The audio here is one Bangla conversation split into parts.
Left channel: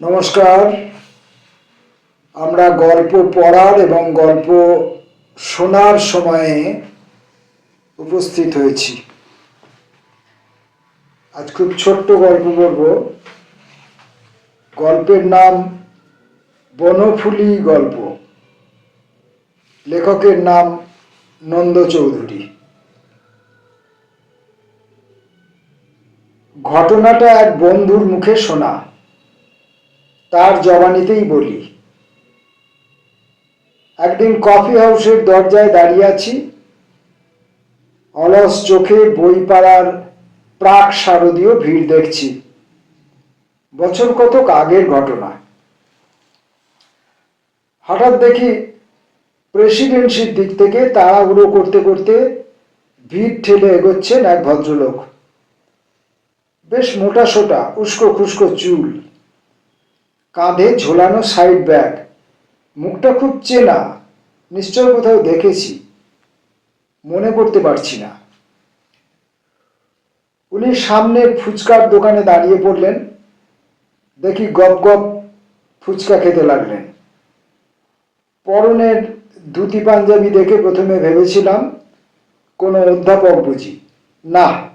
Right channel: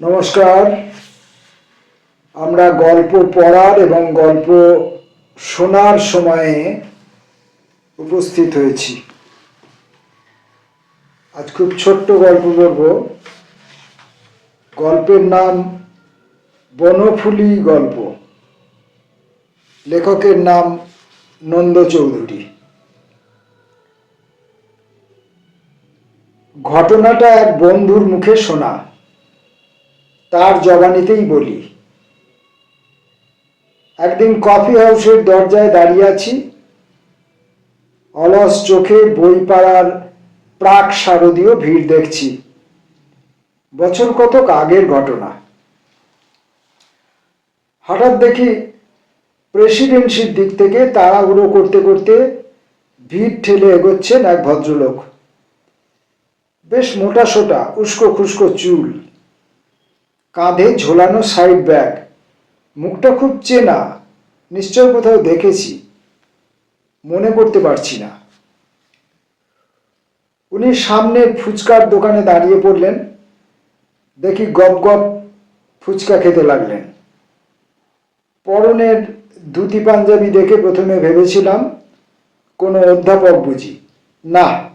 নমস্কার। আমরা গল্প পড়ার এবং গল্প শোনার সময়ে উপস্থিত হয়েছি। আজ খুব ছোট্ট গল্প বলব। গল্পের নাম বনফুলি গল্প। লেখকের নাম নন্দ চৌধুরী। ঘটনাটা এক বন্ধুর মুখে শোনা। তার জবানিতেই বলি, একদিন কফি হাউসের দরজায় দাঁড়িয়ে আছি, অলস চোখে বই পাড়ার প্রাক শারদীয় ভিড় দেখছি। বছর কতক আগের ঘটনা। হঠাৎ দেখি প্রেসিডেন্সির দিক থেকে তাড়াহুড়ো করতে করতে ভিড় ঠেলে এগোচ্ছেন এক ভদ্রলোক। বেশ মোটা সোটা, উস্কো খুস্কো চুল। কাঁধে ঝোলানো সাইড ব্যাগ মুখটা খুব চেনা নিশ্চয় কোথাও দেখেছি। মনে করতে পারছি না। উনি সামনে ফুচকার দোকানে দাঁড়িয়ে পড়লেন। দেখি গপ গপ ফুচকা খেতে লাগলেন। পরনের ধুতি পাঞ্জাবি দেখে প্রথমে ভেবেছিলাম, কোনো অধ্যাপক বুঝি। না,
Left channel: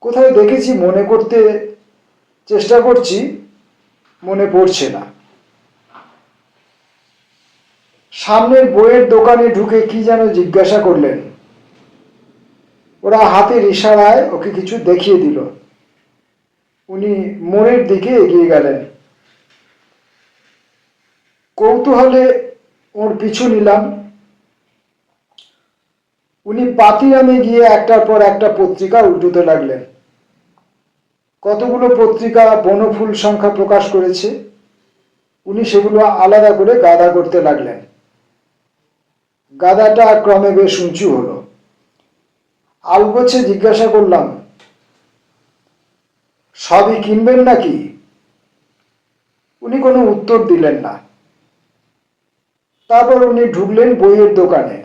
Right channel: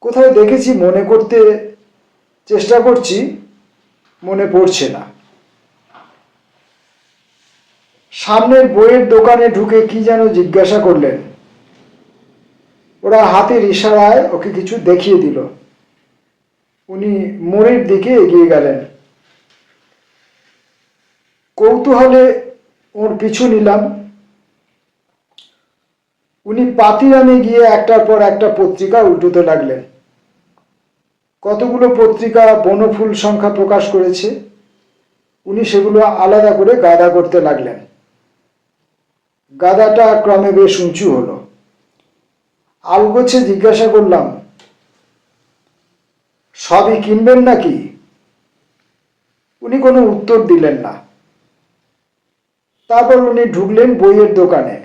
কোথাও দেখেছি, মনে করতে চেষ্টা করছি। পড়ছে না। সামনের বইয়ের দোকানে ঢুকে কি যেন জিজ্ঞাসা করলেন। ওরা হাতের ইশারায় ওকে কিছু দেখিয়ে দিল। উনি মোড়ের দিকে এগিয়ে গেলেন। কৌতূহলে ওর পিছু নিলাম। উনি পাতিরামে গিয়ে একটার পর একটা পত্রিকা উল্টোতে লাগলেন। কতগুলো পত্রিকা বনফুল সংখ্যা প্রকাশ করেছে? উনি সেগুলো আলাদা করে গাদা করতে লাগলেন। গাদাটা ক্রমে বেশ উঁচু হলো। আলগোছে জিজ্ঞাসা করলাম, সবই কিনবেন নাকি? উনি কোনো উত্তর দিলেন না। তারপর উনি ঢুকলেন বইয়ের দোকানে।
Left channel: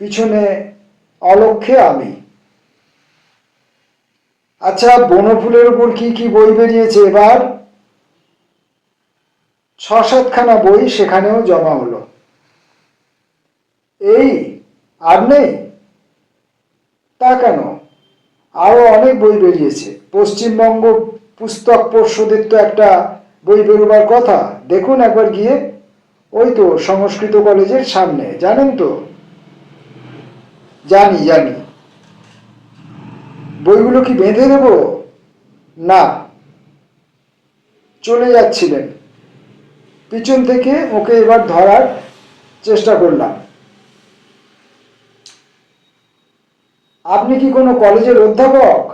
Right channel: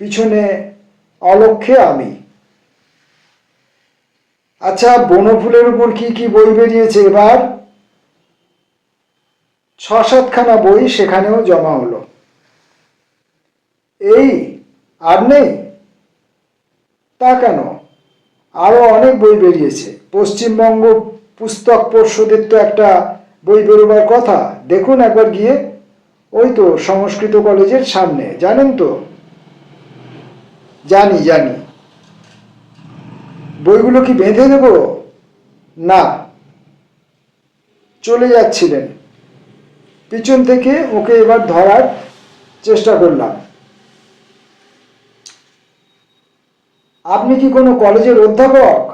পিছনে অলক্ষে আমি। আচ্ছা বনফুলের উপর কি কি বই বেরিয়েছে এবার? ছ সাতখানা বই সেখানেও জমা হলো। এই, আর নেই? তা কেন? আরও অনেক বই বেরিয়েছে। পশ্চিমবঙ্গ পুস্তক পর্ষদের তো একটা বই বেরোবার কথা। দেখুন একবার গিয়ে। ওই তো সংস্কৃত কলেজের সামনে। জানেন তো? জানি জানি। বইগুলো কি বেঁধে দেব? না। চলে যাচ্ছিলেন। পিছন থেকে ওকে এবার ধরার চেষ্টা করলাম। আপনি কি কোনো কলেজের অধ্যাপক?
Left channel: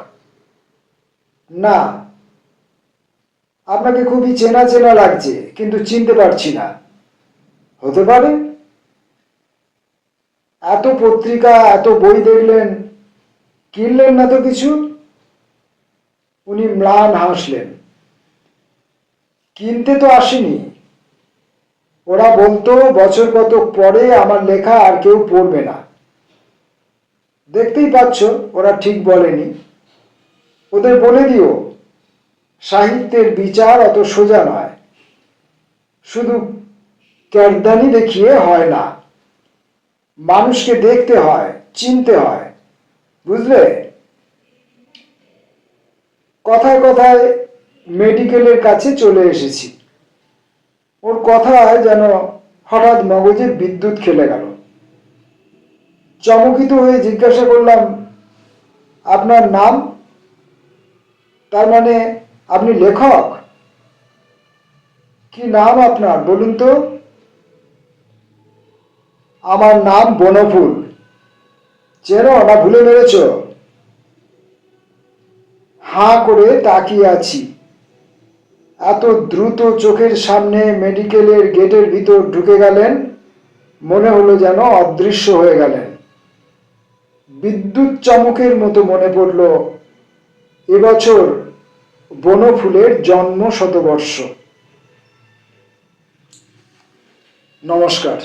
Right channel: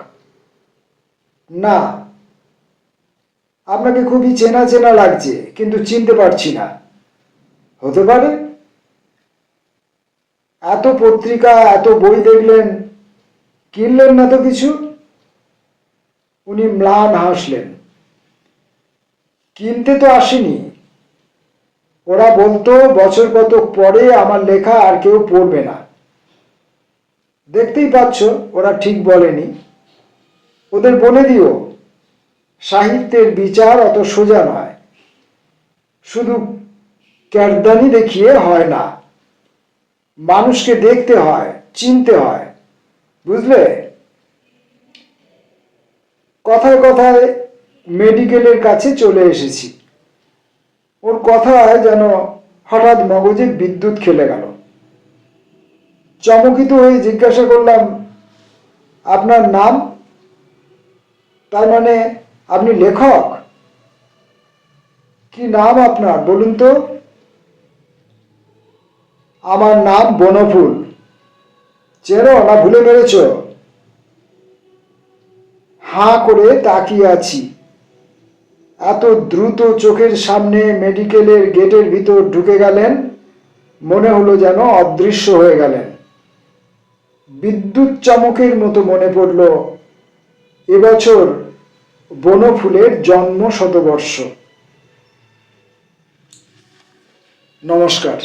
না। আপনাকে খুবই চেনা চেনা লাগছে, কিন্তু চিনতে পারছি না। হতে পারে? এত পত্রিকা, এত বই দেখলেন কিনলেন না তো কিছু? উনি ম্লান হাসলেন। কিনতে তো আসেনি। ওরা বলতো, বছর কত পরে আমার লেখা আর কেউ পড়বে না। দেখতেই পাচ্ছ, ওরা ঠিক বলেনি। ওদের বলে দিও, সাহিত্যের বিচার অত সোজা নয়। শুধু ক্যারদানি দেখিয়ে হয় না। মানুষকে দেখতে হয়, চিনতে হয়। বুঝলে? কথায় কথায় মেডিকেলের কাছে চলে এসেছি। ওর কথায় যেন হঠাৎ মগজে বিদ্যুৎ খেলে গেল। চমকিত হয়ে জিজ্ঞাসা করলাম, আপনার নাম? তার মানে আপনি লেখক? কি নাম আপনার, বলুন তো? আমার নাম বনফুল। চেনো না ভুলে বেড়েছ হাঁ করে তাকিয়ে আছি। এত দ্রুত চোখের সামনে মেডিকেলের গেটের ভিতর ঢুকে গেলেন, মনে হলো যেন অদৃশ্য হয়ে গেলেন। বিদ্যুৎ চমকের মতো মনে পড়ল, এবছর বনফুলের জন্ম শতবর্ষ নমস্কার।